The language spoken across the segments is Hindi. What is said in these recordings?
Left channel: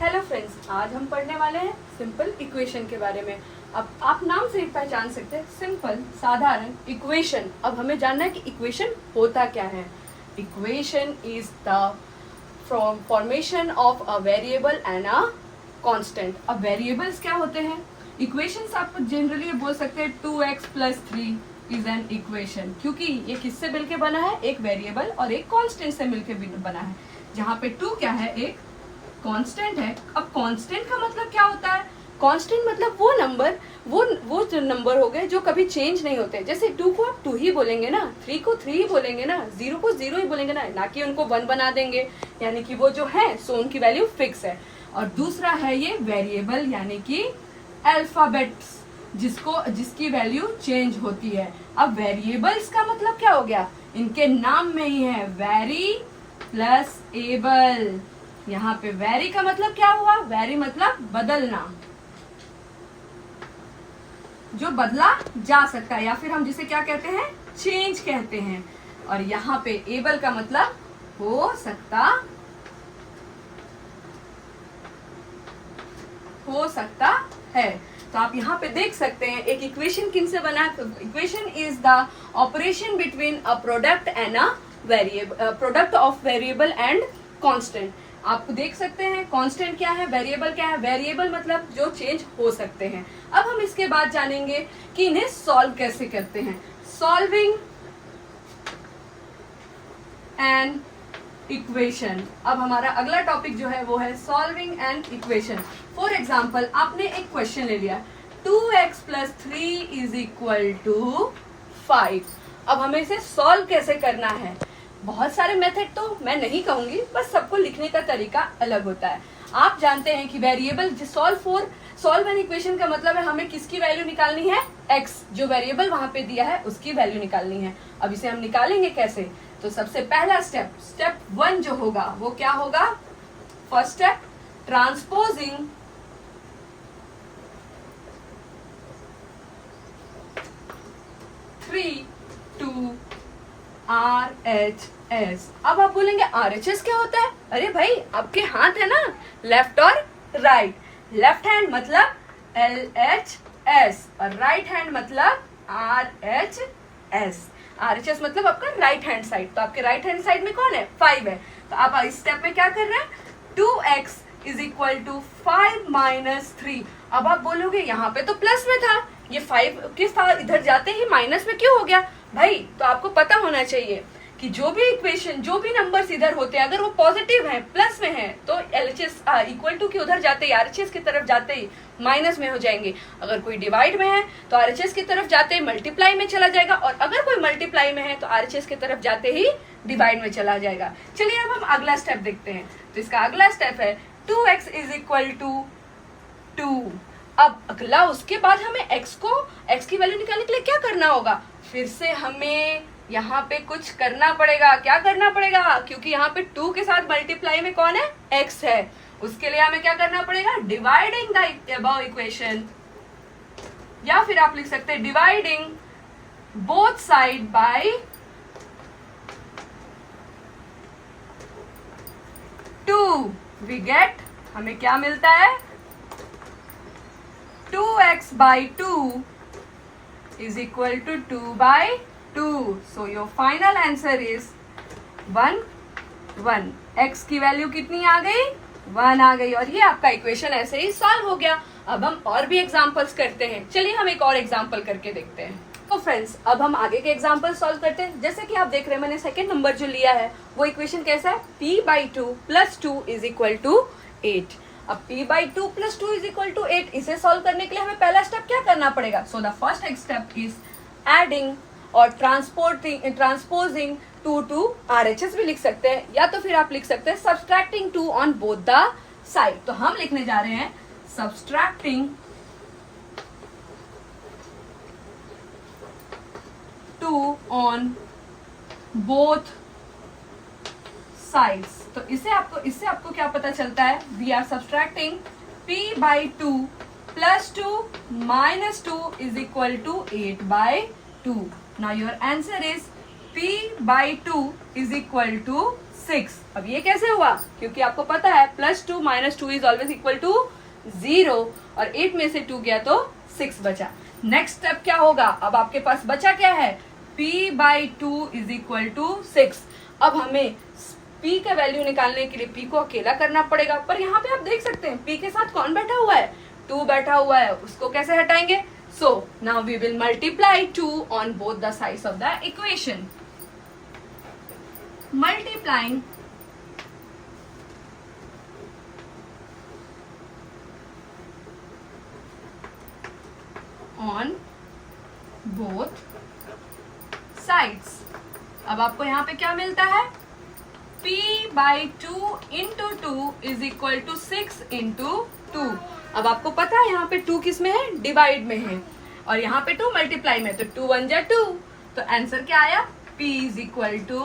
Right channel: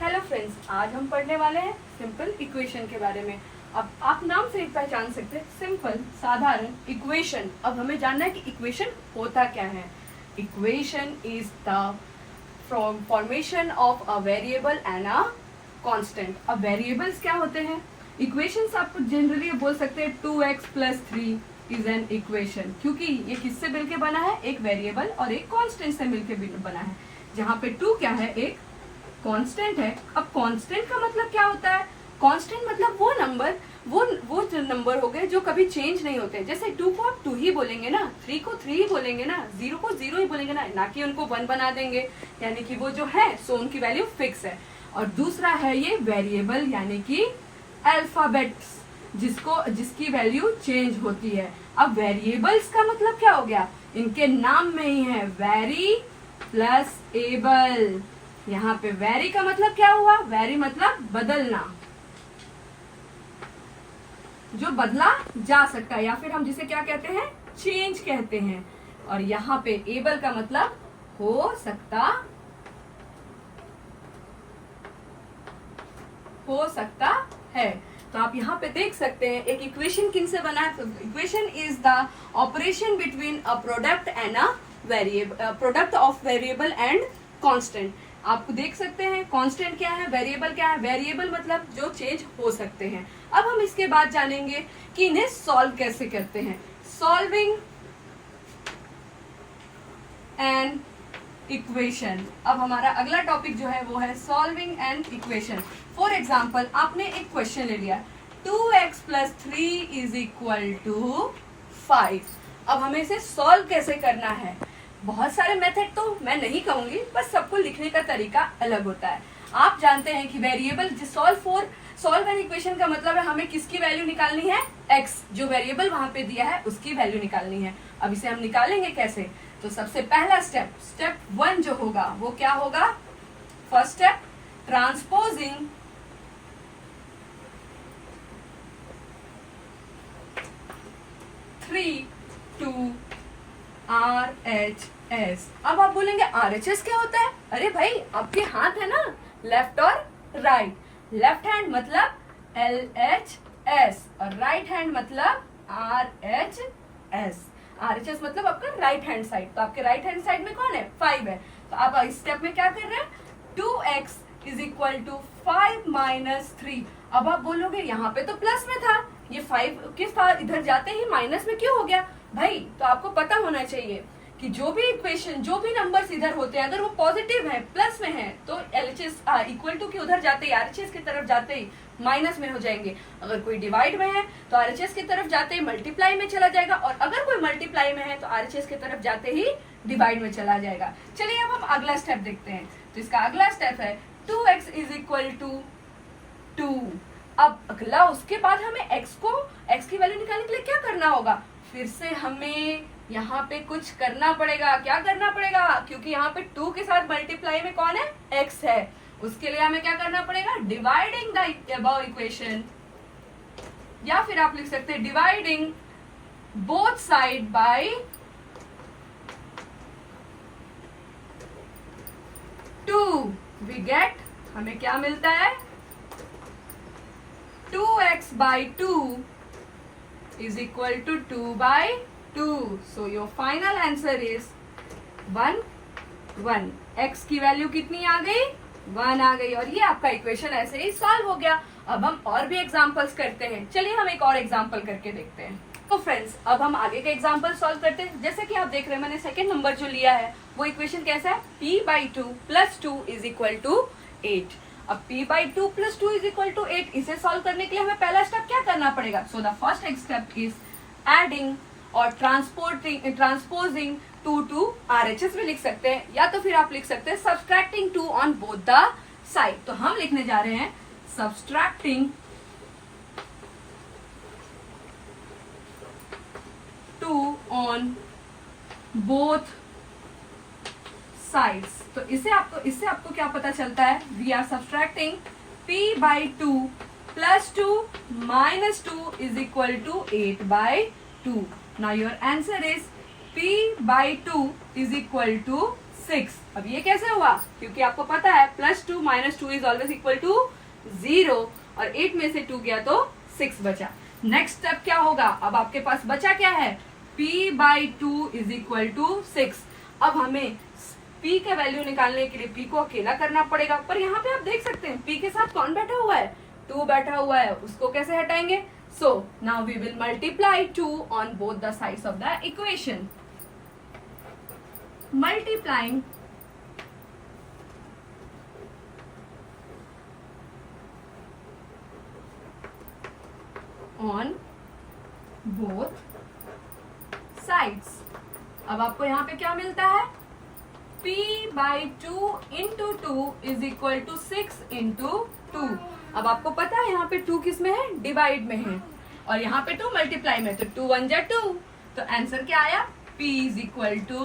हेलो फ्रेंड्स, आज हम पढ़ने वाले हैं सिंपल इक्वेशन के बारे में। अब आप नाम से ही पहचान सकते हैं, सिंपल साधारण इक्वेशन। अब हमें जानना है कि इक्वेशन होता क्या है। Equation is the formation of a variable and a constant. अब वेरिएबल्स क्या होते हैं? इक्वेशंस आपको जनरली बोल सकते हैं 2x + 3 इज एन इक्वेशन, क्योंकि ये किससे मिलके बना है? एक वेरिएबल और एक कांस्टेंट से मिलके बना है, जहाँ पे 2 क्या है? एक कांस्टेंट है। अब कांस्टेंट का मतलब क्या होता है? कांस्टेंट मतलब वो नंबर, वो जो नंबर हो गए जो कभी चेंज नहीं होते। जैसे 2 को आप 2 ही बोलेंगे ना, 3 को 3 ही बोलेंगे ना, 0 को 0 ही बोलेंगे ना कि उनको 1 बना देंगे, यानी कि वो जो है सो उनकी वैल्यू फिक्स है। और दूसरा है ये वेरिएबल, यानी कि अल्फाबेट्स, जिसकी वैल्यू चेंज होती है। अब वेरिएबल्स का मतलब क्या हो गया? इनके नाम में ही है वेरी प्लस एबल। यहाँ पे वेरी का मतलब क्या हुआ? वेरी मतलब बदलना, जो बदला जा सकता है, या फिर हम जिसे क्या कहते हैं? चेंज कहते हैं। और यहाँ पे एबल का मतलब हो सकता है। तो आप यहाँ पे देख सकते हैं एक इक्वेशन किन से बना है। Equation is the operation between a product and a variable, product of variable and constant. आप देख सकते हैं कांस्टेंट क्या है, वेरिएबल क्या है। वेरिएबल मतलब जो चेंज हो सकते हैं। अब हम इसके बाद जानेंगे कि इन्हें सॉल्व कैसे करते हैं। Solving an equation. अब हमारा अगला टॉपिक जो है वो है solving an equation. For example, आपने एक क्वेश्चन ले लिया 2x + 3 = 5। अब हमें इसे सॉल्व कैसे करना है? बहुत सारे मेथड तो मैं नहीं कहूंगी, बस सबको लिखने का तरीका अलग होता है। आप जानते हैं कि वेरिएबल सॉल्व एन इक्वेशन का मतलब है हमें किसकी वैल्यू निकालनी है? x, जो वेरिएबल वहां पे दिया है उसकी वैल्यू निकालनी है। अब इसे हम निकालेंगे कैसे? तो सबसे पहला स्टेप 1 जो होगा वो क्या होगा? First step, transposing RHS। अब आप बोलेंगे RHS क्या होता है? अरे भाई, आपके हाथ है ना, लेफ्ट और राइट। लेफ्ट हैंड मतलब LHS और राइट हैंड मतलब RHS। RHS मतलब आपका राइट हैंड साइड। तो आपके राइट हैंड साइड में कौन है? 5 है। तो आप इस स्टेप में क्या कर रहे हैं? 2x = 5 - 3। अब आप बोलोगे यहाँ पे तो प्लस में था, ये 5 के साथ इधर जाते ही माइनस में क्यों हो गया? भाई, तो आपको पता होना चाहिए कि जो भी इक्वेशन, जो भी नंबर्स इधर होते हैं, अगर वो पॉजिटिव है, प्लस में है, तो LHS = के उधर जाते ही, RHS की तरफ जाते ही माइनस में हो जाएंगे। अगर कोई डिवाइड में है तो RHS की तरफ जाते ही मल्टीप्लाई में चला जाएगा, और अगर कोई मल्टीप्लाई में है तो RHS की तरफ जाते ही डिवाइड में चला जाएगा। चलिए अब हम अगला स्टेप देखते हैं। तो इसका अगला स्टेप है 2x = 2। अब अगला, उसके बाद हमें x की वैल्यू निकालने के लिए क्या करना होगा? फिर से हमें यहाँ पे कुछ करना पड़ेगा। क्या करना पड़ेगा? क्योंकि यहाँ पे 2 के साथ मल्टीप्लाई में कौन है? x है। उसके लिए हमें क्या करना पड़ेगा? डिवाइडिंग द अबव इक्वेशन, या फिर आप लिख सकते हैं dividing both side by 2। We get, हमें क्या मिलता है? 2x/2 = 2/2। So your final answer is 1 1। x की वैल्यू कितनी आ गई? 1 आ गई, और ये आपका इक्वेशन ऐसे ही सॉल्व हो गया। अब हम और भी एग्जांपल्स करते हैं। चलिए हम एक और एग्जांपल करके देखते हैं। तो फ्रेंड्स, अब हम आगे के एग्जांपल सॉल्व करते हैं। जैसे कि आप देख रहे हैं, मैंने सेकंड नंबर जो लिया है वो इक्वेशन कैसा है? p/2 + 2 = 8। अब p/2 + 2 = 8, इसे सॉल्व करने के लिए हमें पहला स्टेप क्या करना पड़ेगा? So the first step is adding और ट्रांसपोजिंग 2 to RHS भी लिख सकते हैं, या तो फिर आप लिख सकते हैं subtracting 2 on both the side. तो हम लिखने जा रहे हैं सब्सट्रैक्टिंग 2 ऑन बोथ साइड्स। तो इससे आपको क्या पता चलता है? We are subtracting p/2 + 2 - 2 = 8/2। Now your answer is p/2 = 6। अब ये कैसे हुआ, क्योंकि आपको पता है +2 - 2 इज ऑलवेज इक्वल टू 0 और 8 में से 2 गया तो 6 बचा। नेक्स्ट स्टेप क्या होगा, अब आपके पास बचा क्या है, p/2 इज इक्वल टू 6। अब हमें p का वैल्यू निकालने के लिए p को अकेला करना पड़ेगा, पर यहाँ पे आप देख सकते हैं p के साथ कौन बैठा हुआ है, 2 बैठा हुआ है, उसको कैसे हटाएंगे। So now we will multiply 2 on both the sides of the equation. Multiplying on both sides. अब आपको यहाँ पे क्या मिलता है, p/2 into 2 is equal to 6 into 2। अब आपको पता है यहाँ पे 2 किस में है, डिवाइड में है, और यहाँ पे 2 मल्टीप्लाई में, तो 2 1 जा 2, तो आंसर क्या आया, p is equal to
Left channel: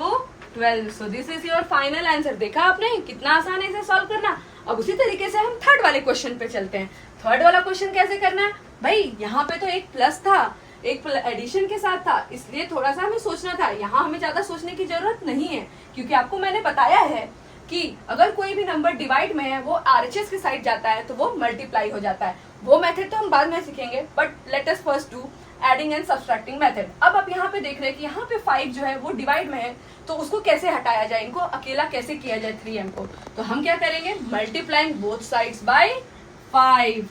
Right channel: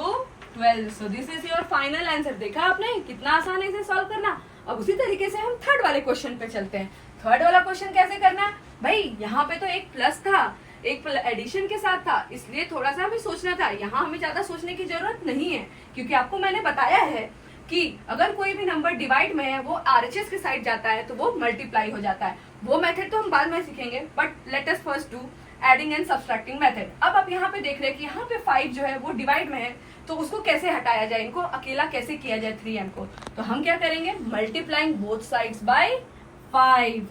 12। So this is your final answer. देखा आपने कितना आसान है इसे सॉल्व करना। अब उसी तरीके से हम थर्ड वाले क्वेश्चन पे चलते हैं। थर्ड वाला क्वेश्चन कैसे करना है भाई, यहाँ पे तो एक प्लस था, एक एडिशन के साथ था, इसलिए थोड़ा सा हमें सोचना था। यहाँ हमें ज्यादा सोचने की जरूरत नहीं है, क्योंकि आपको मैंने बताया है कि अगर कोई भी नंबर डिवाइड में है वो आरएचएस की साइड जाता है तो वो मल्टीप्लाई हो जाता है। वो मेथड तो हम बाद में सीखेंगे, but let us first do adding and subtracting method. अब आप यहाँ पे देख रहे हैं कि यहाँ पे 5 जो है वो डिवाइड में है, तो उसको कैसे हटाया जाए, इनको अकेला कैसे किया जाए 3m को। तो हम क्या करेंगे, मल्टीप्लाइंग बोथ साइड्स बाय 5।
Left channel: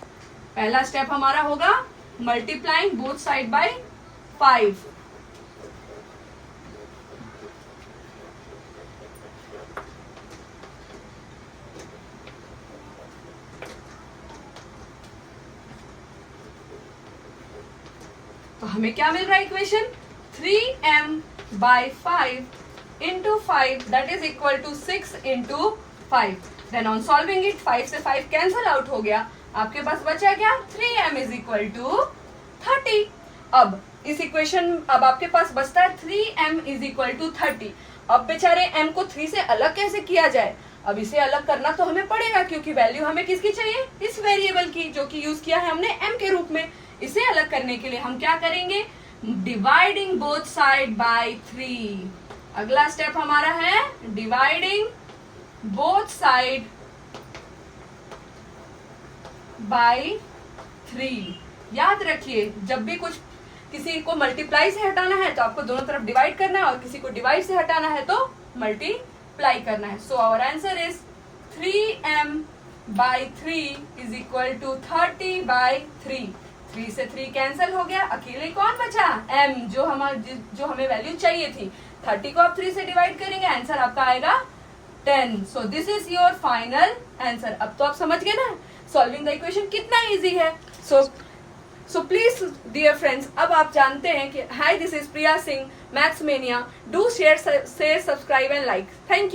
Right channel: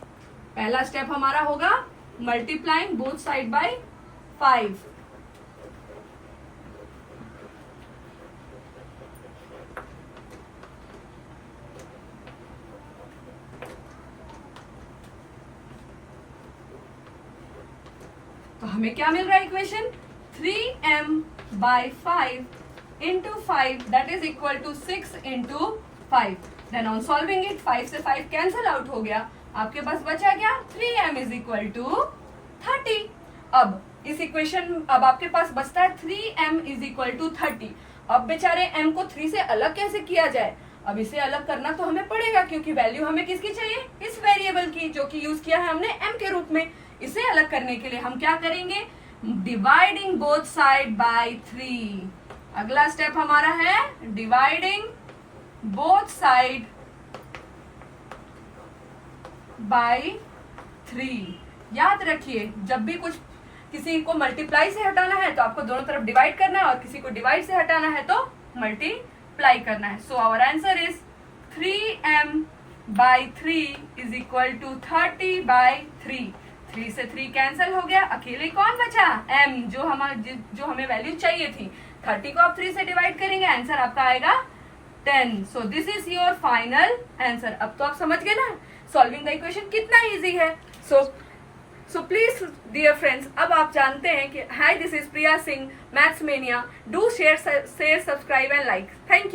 पहला स्टेप हमारा होगा मल्टीप्लाइंग बोथ साइड बाय 5। तो हमें क्या मिल रहा है equation, 3m/5 into 5 that is equal to 6 into 5। Then on solving it 5 से 5 कैंसल आउट हो गया, आपके पास बचा क्या, 3m इज इक्वल टू 30। अब इस इक्वेशन, अब आपके पास बचता है 3m इज इक्वल टू 30। अब बेचारे m को 3 से अलग कैसे किया जाए, अब इसे अलग करना तो हमें पड़ेगा, क्योंकि वैल्यू हमें किसकी चाहिए, इस वेरिएबल की, जो कि यूज किया है हमने m के रूप में। इसे अलग करने के लिए हम क्या करेंगे, डिवाइडिंग बोथ साइड बाय 3। अगला स्टेप हमारा है डिवाइडिंग बोथ साइड बाय 3। याद रखिए, जब भी कुछ किसी को मल्टीप्लाई से हटाना है तो आपको दोनों तरफ डिवाइड करना है, और किसी को डिवाइड से हटाना है तो मल्टीप्लाई करना है। So our answer is 3m/3 is equal to 30/3। 3 से 3 कैंसिल हो गया, अकेले कौन बचा, m, जो हमें वैल्यू चाहिए थी। 30 को आप 3 से डिवाइड करेंगे, आंसर आपका आएगा 10। सो this is your final answer. अब तो आप समझ गए ना सॉल्विंग द इक्वेशन कितना इजी है। सो प्लीज डियर फ्रेंड्स, अब आप जानते हैं कि hi this is Priya Singh maths mania. Do share subscribe and like. Thank you.